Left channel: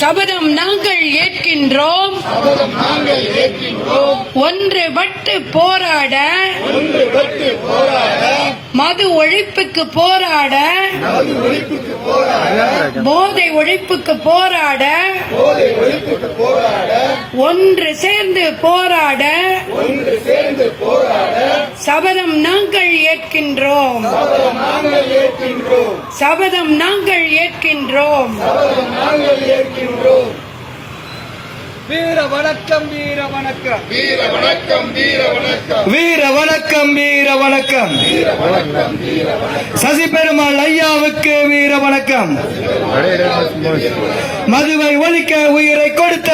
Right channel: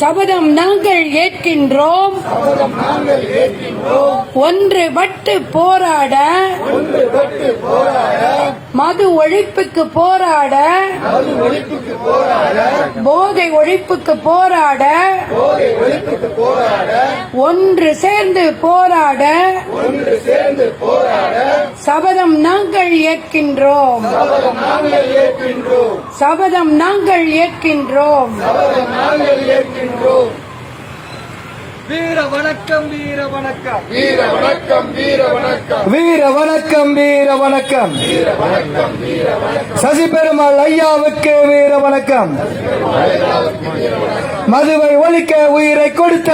சபதம் நாங்கள் ஏற்கின்றோம். ஒன்றுபட்டு போராட, மது ஒழிப்புக்கு போராட, போதை ஒழிப்புக்கு போராட, ஒன்று சேர்ந்து போராட சபதம் நாங்கள் ஏற்கின்றோம். சபதம் நாங்கள் ஏற்கின்றோம். வீர வணக்கம், வீர வணக்கம், வீர வணக்கம், வீர வணக்கம், வீர வணக்கம், வீர வணக்கம், வீர வணக்கம், வீர வணக்கம். சசி பெருமாள் ஐயாவுக்கு வீர வணக்கம். மதுவை ஒழிக்க உயிரை கொடுத்த,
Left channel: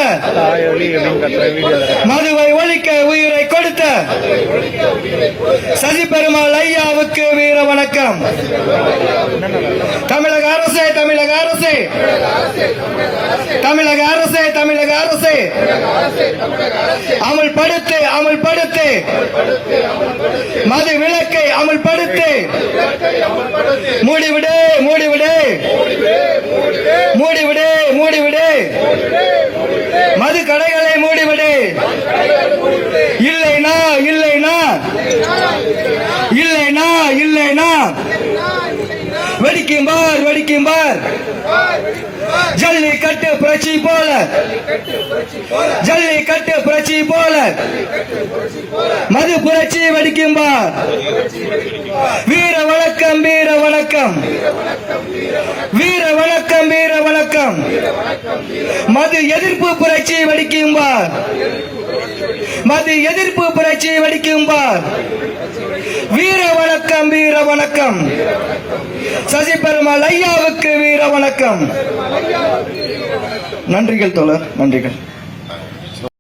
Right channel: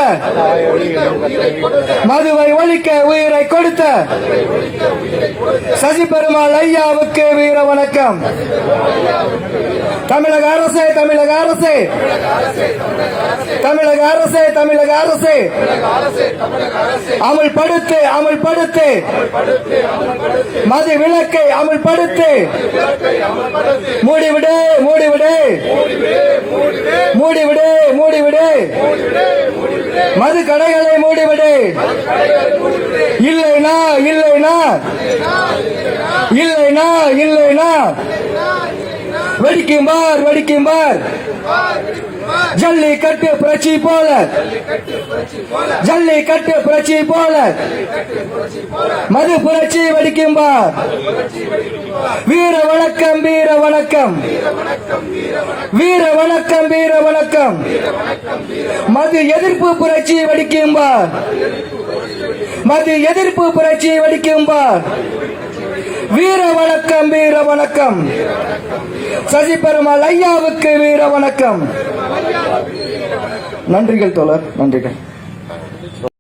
மதுவை ஒழிக்க உயிரை கொடுத்த சசி பெருமாள் ஐயாவுக்கு வீர வணக்கம். தமிழக அரசே, தமிழக அரசே, தமிழக அரசே, தமிழக அரசே, அமல்படுத்து, அமல்படுத்து, மது விலக்கை அமல்படுத்து, மூடிவிடு, மூடிவிடு, மூடிவிடு, மூடிவிடு, மது கடைகளை மூடிவிடு. இல்லைனா, இல்லைனா, இல்லைனா, இல்லைனா வெடிக்கும்பார், வெடிக்கும்பார். ஜல்லிக்கட்டு புரட்சி போல, ஜல்லிக்கட்டு புரட்சி போல மது புரட்சி வெடிக்கும்பார். வீர வணக்கம், வீர வணக்கம், வீர வணக்கம், வீர வணக்கம். மது எதிர்ப்பு புரட்சி வெடிக்கும்பார். மது எதிர்ப்பு புரட்சி வெடிக்கும்பார். வீர வணக்கம், வீர வணக்கம். சசி பெருமாள் ஐயாவுக்கு வீர வணக்கம். நன்றிகள் தோழர், நன்றிகள்.